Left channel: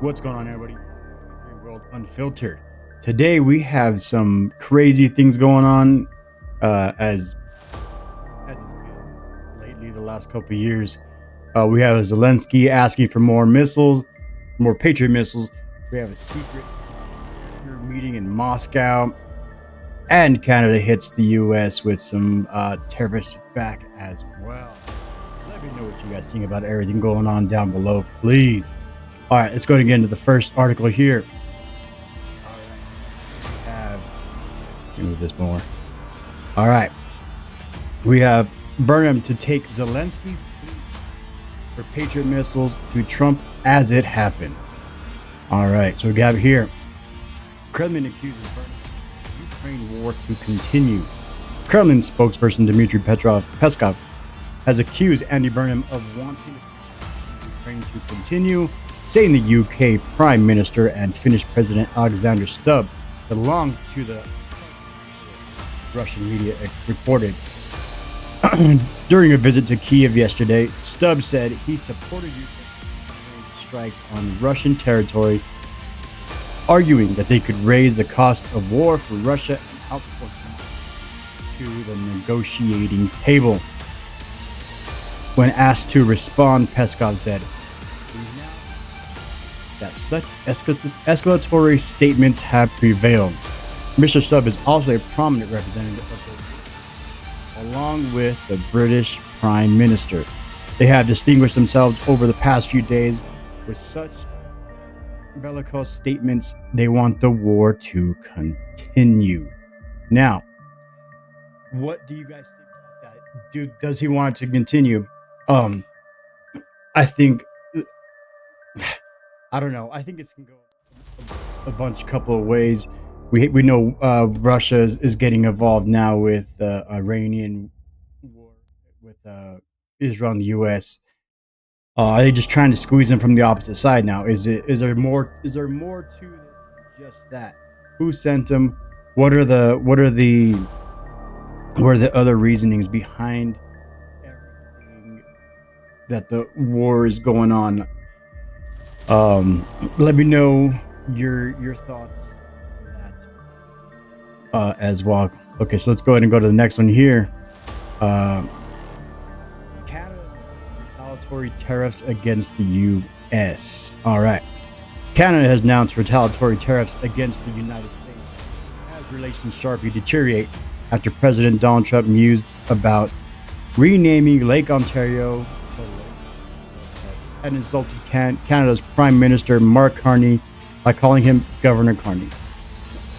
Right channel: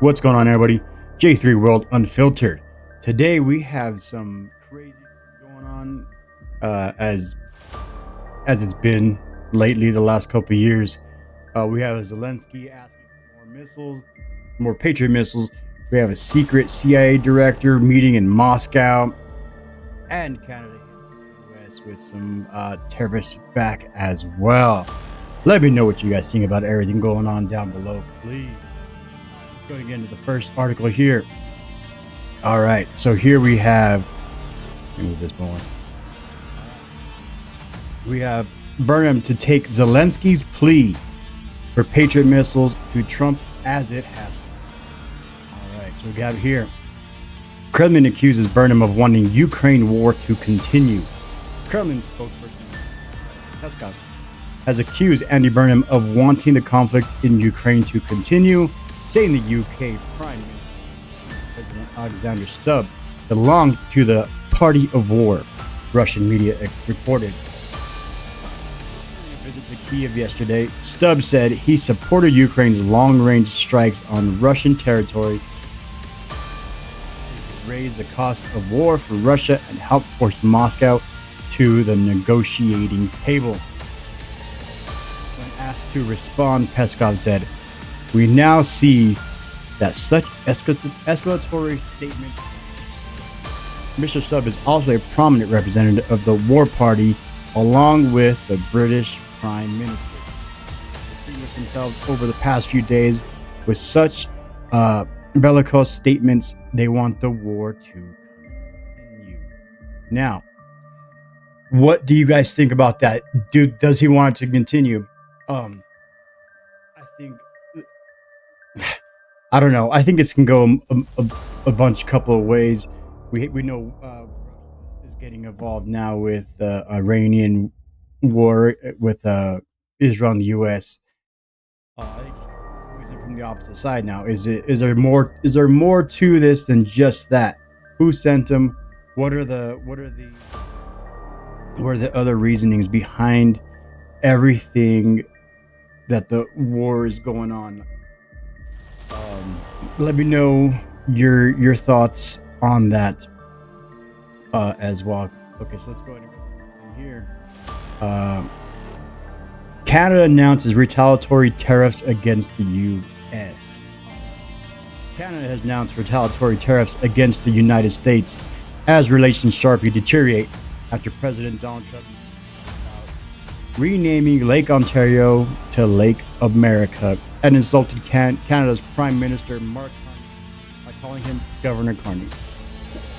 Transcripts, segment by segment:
What's going on, everybody? J3 World Unfiltered. Today we have some crazy things going on, as it's been lately the last couple of years. We have Zelensky asking for more missiles, more Patriot missiles. We have a secret CIA director meeting in Moscow, and Canada hits the U.S. with some terrorists back as well. Let me know what you guys think about everything going on down below, please. All right, let's go and get into the first article here. All right, so here we have, let me move this more. All right, we have Burnham to take Zelensky's plea for Patriot missiles to Trump as it happened. All right, so we got here. Kremlin accuses Burnham of wanting Ukraine war to continue. Kremlin spokesperson Dmitry Peskov has accused Andy Burnham of wanting the conflict in Ukraine to continue, saying the UK Prime Minister and Finnish President Alexander Stubb belonged to the party of war, Russian media reported. During a visit to Kyiv yesterday, Stubb said he supported Ukraine's long-range strikes on Russian territory, arguing that they could raise the cost of war for Russia and help force Moscow to the negotiating table. When asked to respond, Peskov said, "We now see that such escalatory statements have prevailed." Mr. Stubb is also a prominent representative of the war party, along with the British Prime Minister. They have distinguished themselves over the past few days with such bellicose statements. They want the war to continue. Now, what do you guys think about that? Does he want it to continue? I think, I don't know. I think it can go a couple of ways. We know Russia is getting involved now with the Iranian war with Israel and the U.S. Are they just trying to squeeze them from the opposite side now? Is there more to this than just that? Who sent them? What are the other reasonings behind everything that the war is going on? Let me know your thoughts on that as well. Okay, so let's go ahead and go to the next one here. Canada announces retaliatory tariffs against the U.S. All right. Canada has announced retaliatory tariffs against the United States as relations sharply deteriorate after President Donald Trump mused about renaming Lake Ontario to Lake America and insulted Canada's Prime Minister Mark Carney by calling him Governor Carney.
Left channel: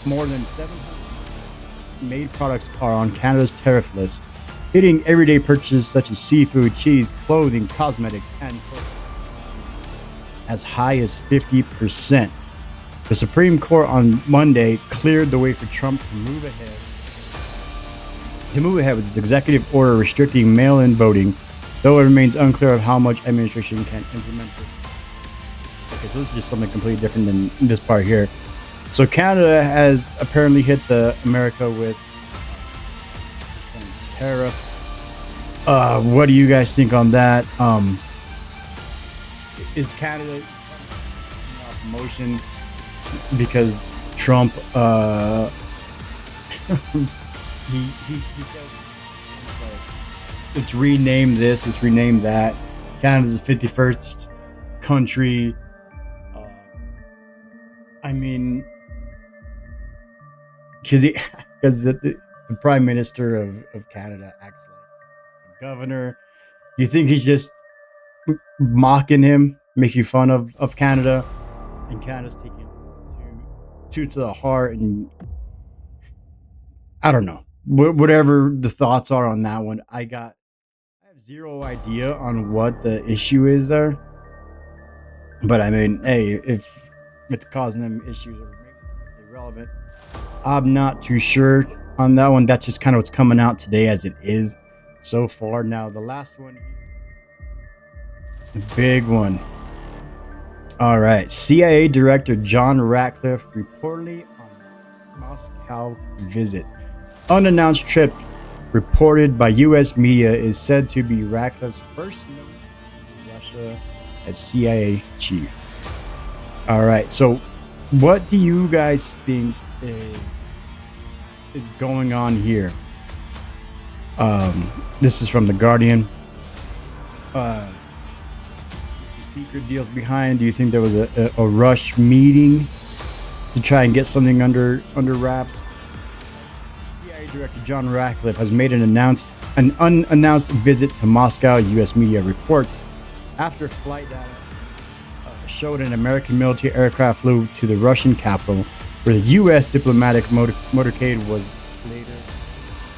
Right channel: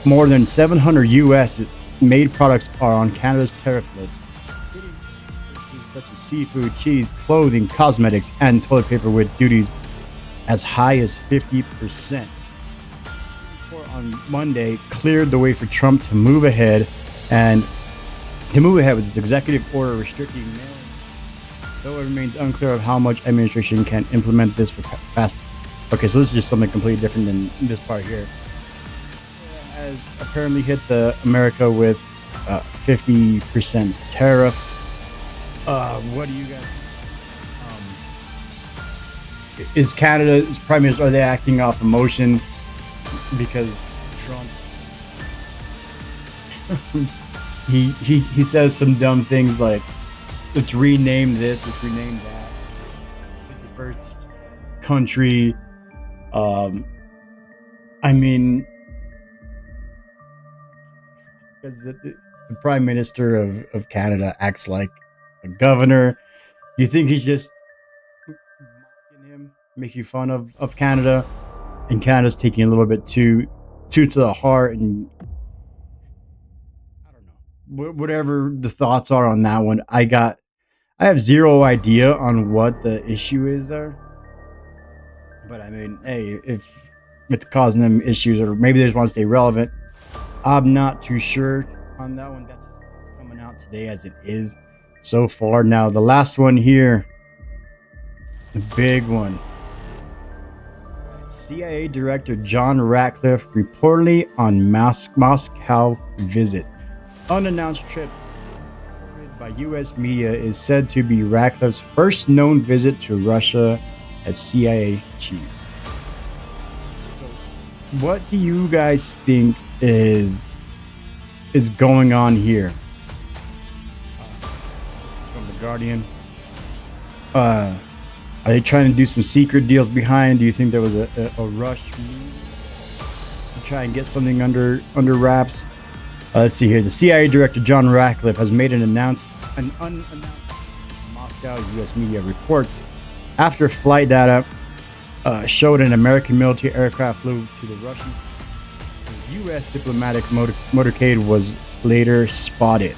More than 700 U.S.-made products are on Canada's tariff list, hitting everyday purchases such as seafood, cheese, clothing, cosmetics, and toilet paper with duties as high as 50%. The Supreme Court on Monday cleared the way for Trump to move ahead with its executive order restricting mail-in voting, though it remains unclear of how much administration can implement this fast. Okay, so this is just something completely different than this part here. So Canada has apparently hit America with 50% tariffs. What do you guys think on that? Is Canada's Prime Minister, are they acting off emotion because Trump he says some dumb things like, let's rename this, let's rename that. Canada's the 51st country. I mean, because the Prime Minister of Canada acts like a governor. You think he's just mocking him, making fun of Canada, and Canada's taking a little bit too to the heart? And I don't know. Whatever the thoughts are on that one, I have zero idea on what the issue is there. But I mean, hey, if it's causing them issues, or maybe they just want to stay relevant, I'm not too sure on that one. That's just kind of what's coming out today as it is so far. Now, the last one here, the big one. All right. CIA Director John Ratcliffe reportedly on Moscow visit. Unannounced trip reported by U.S. media is said to be Ratcliffe's first known visit to Russia as CIA chief. All right. So, what do you guys think is going on here? This is from the Guardian. Are they trying to do some secret deals behind? Do you think there was a rush meeting to try and get something under wraps? Let's see here. The CIA Director John Ratcliffe has made an unannounced visit to Moscow, U.S. media reports. After flight data showed an American military aircraft flew to the Russian capital, where the U.S. diplomatic motorcade was later spotted.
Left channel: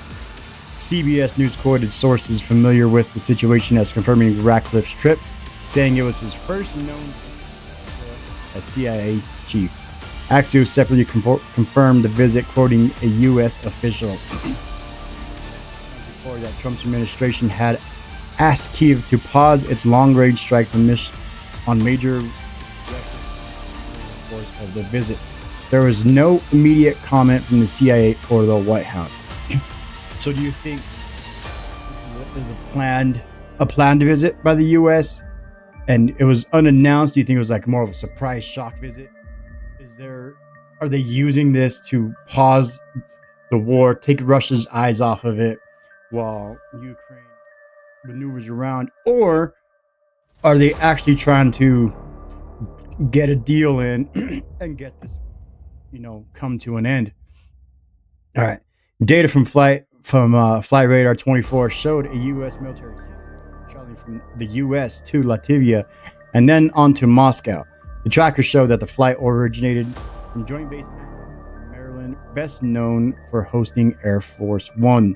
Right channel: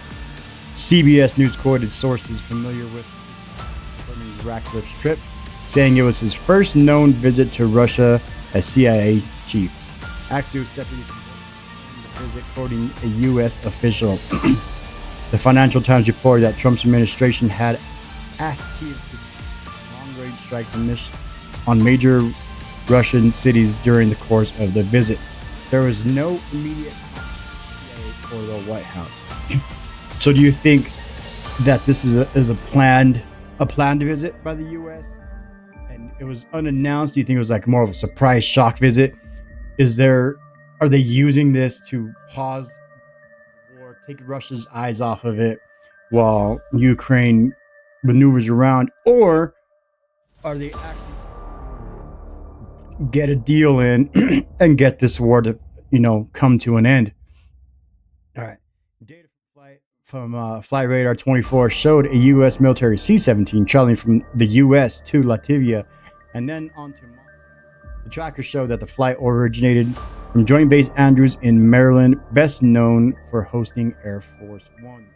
CBS News quoted sources familiar with the situation as confirming Ratcliffe's trip, saying it was his first known visit to Russia as CIA chief. Axios separately confirmed the visit, quoting a U.S. official. The Financial Times reported that Trump's administration had asked Kyiv to pause its long-range strikes on major Russian cities during the course of the visit. There was no immediate comment from the CIA or the White House. So do you think that this is a planned visit by the U.S. and it was unannounced? Do you think it was like more of a surprise shock visit? Are they using this to pause the war, take Russia's eyes off of it while Ukraine maneuvers around, or are they actually trying to get a deal in and get this war to, come to an end? All right. Data from Flight Radar 24 showed a U.S. military C-17 traveling from the U.S. to Latvia and then on to Moscow. The tracker showed that the flight originated from Joint Base Andrews in Maryland, best known for hosting Air Force One.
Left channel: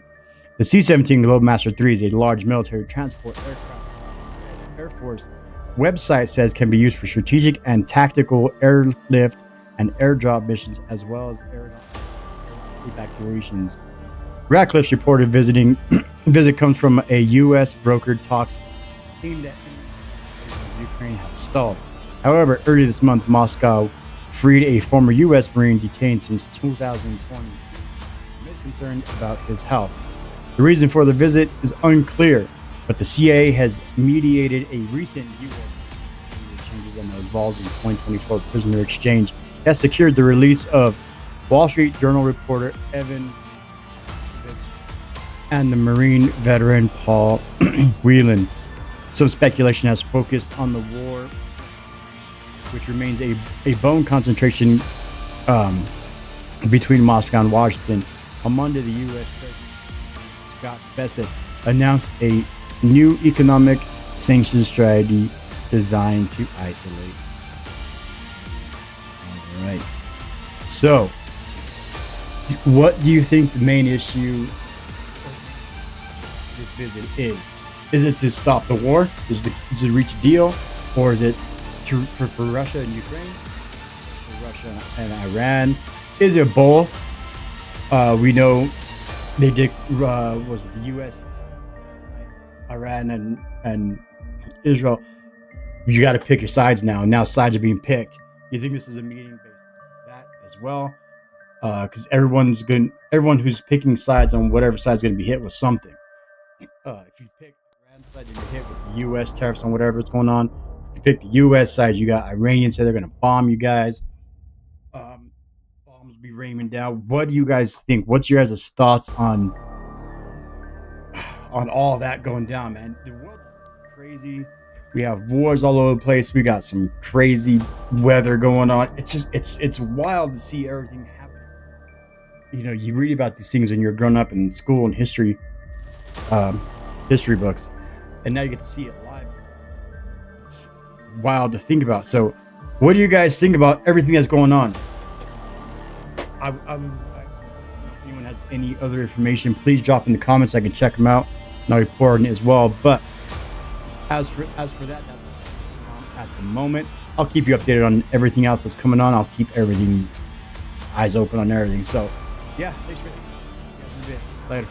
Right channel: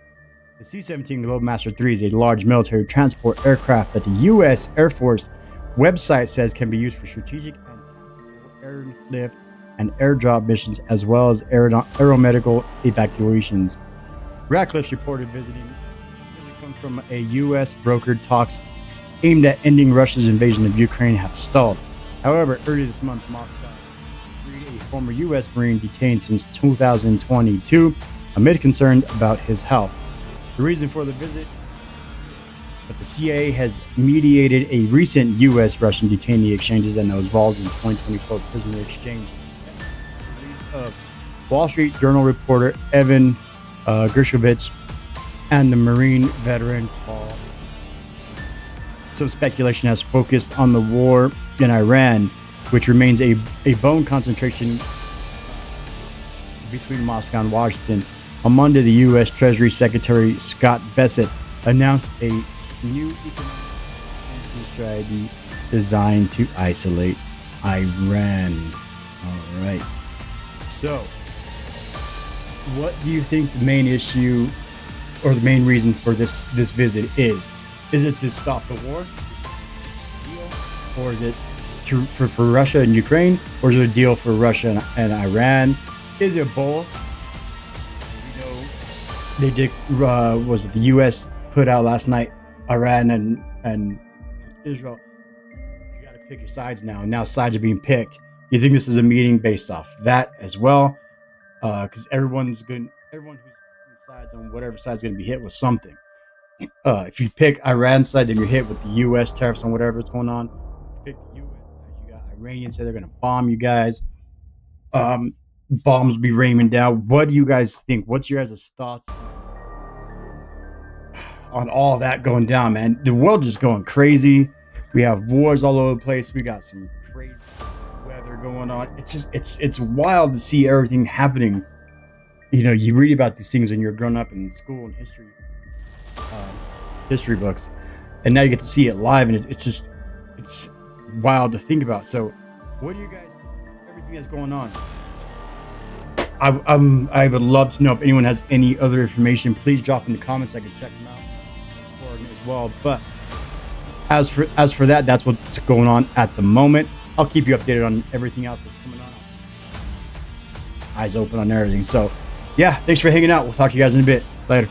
The C-17 Globemaster III is a large military transport aircraft that the U.S. Air Force website says can be used for strategic and tactical airlift and airdrop missions, as well as aeromedical evacuations. Ratcliffe's reported visit comes from a U.S. brokered talks aimed at ending Russia's invasion of Ukraine have stalled. However, earlier this month, Moscow freed a former U.S. Marine detained since 2022 amid concerns about his health. The reason for the visit is unclear, but the CIA has mediated a recent U.S.-Russian detainee exchanges and was involved in 2024 prisoner exchange that secured the release of Wall Street Journal reporter Evan Gershkovich and the Marine veteran Paul Whelan. Some speculation has focused on the war in Iran, which remains a bone concentration between Moscow and Washington. On Monday, the U.S. Treasury Secretary Scott Bessent announced a new economic sanctions strategy designed to isolate Iran. All right. So, what do you think the main issue or the main reason for this visit is? Is it to stop the war? Is it to reach a deal? Or is it for Russia and Ukraine? Or is it a deal for Russia and Iran? Is it both? We know they did, was it the U.S. put out last night, Iran and Israel, you got to pick your sides now. Now sides are being picked. You think this is a meeting based off that as well? Because everyone who's picking sides on whatever side is going to be hit with something. If you pick Iran's side, then you're hit with the U.S. tariffs on whatever's going on. If you pick the U.S. side, you got Iranians say they're going to bomb you guys. Bombs be raining down. What do you guys think? What's your guys' thoughts on all that going down, man? The world just going crazy. We have wars all over the place. We got some crazy weather going on. It's just it's wild to see everything happening. You read about these things when you're growing up in school and history books, and now you get to see it live, and it's wild to think about. So, what do you guys think about everything that's going on? I would love to know if anyone has any other information. Please drop in the comments. I can check them out, and I'll report on it as well. But as for that, that's what's going on at the moment. I'll keep you updated on everything else that's coming on. I'll keep eyes open on everything. So, yeah, thanks for hanging out. We'll talk to you guys in a bit. Later.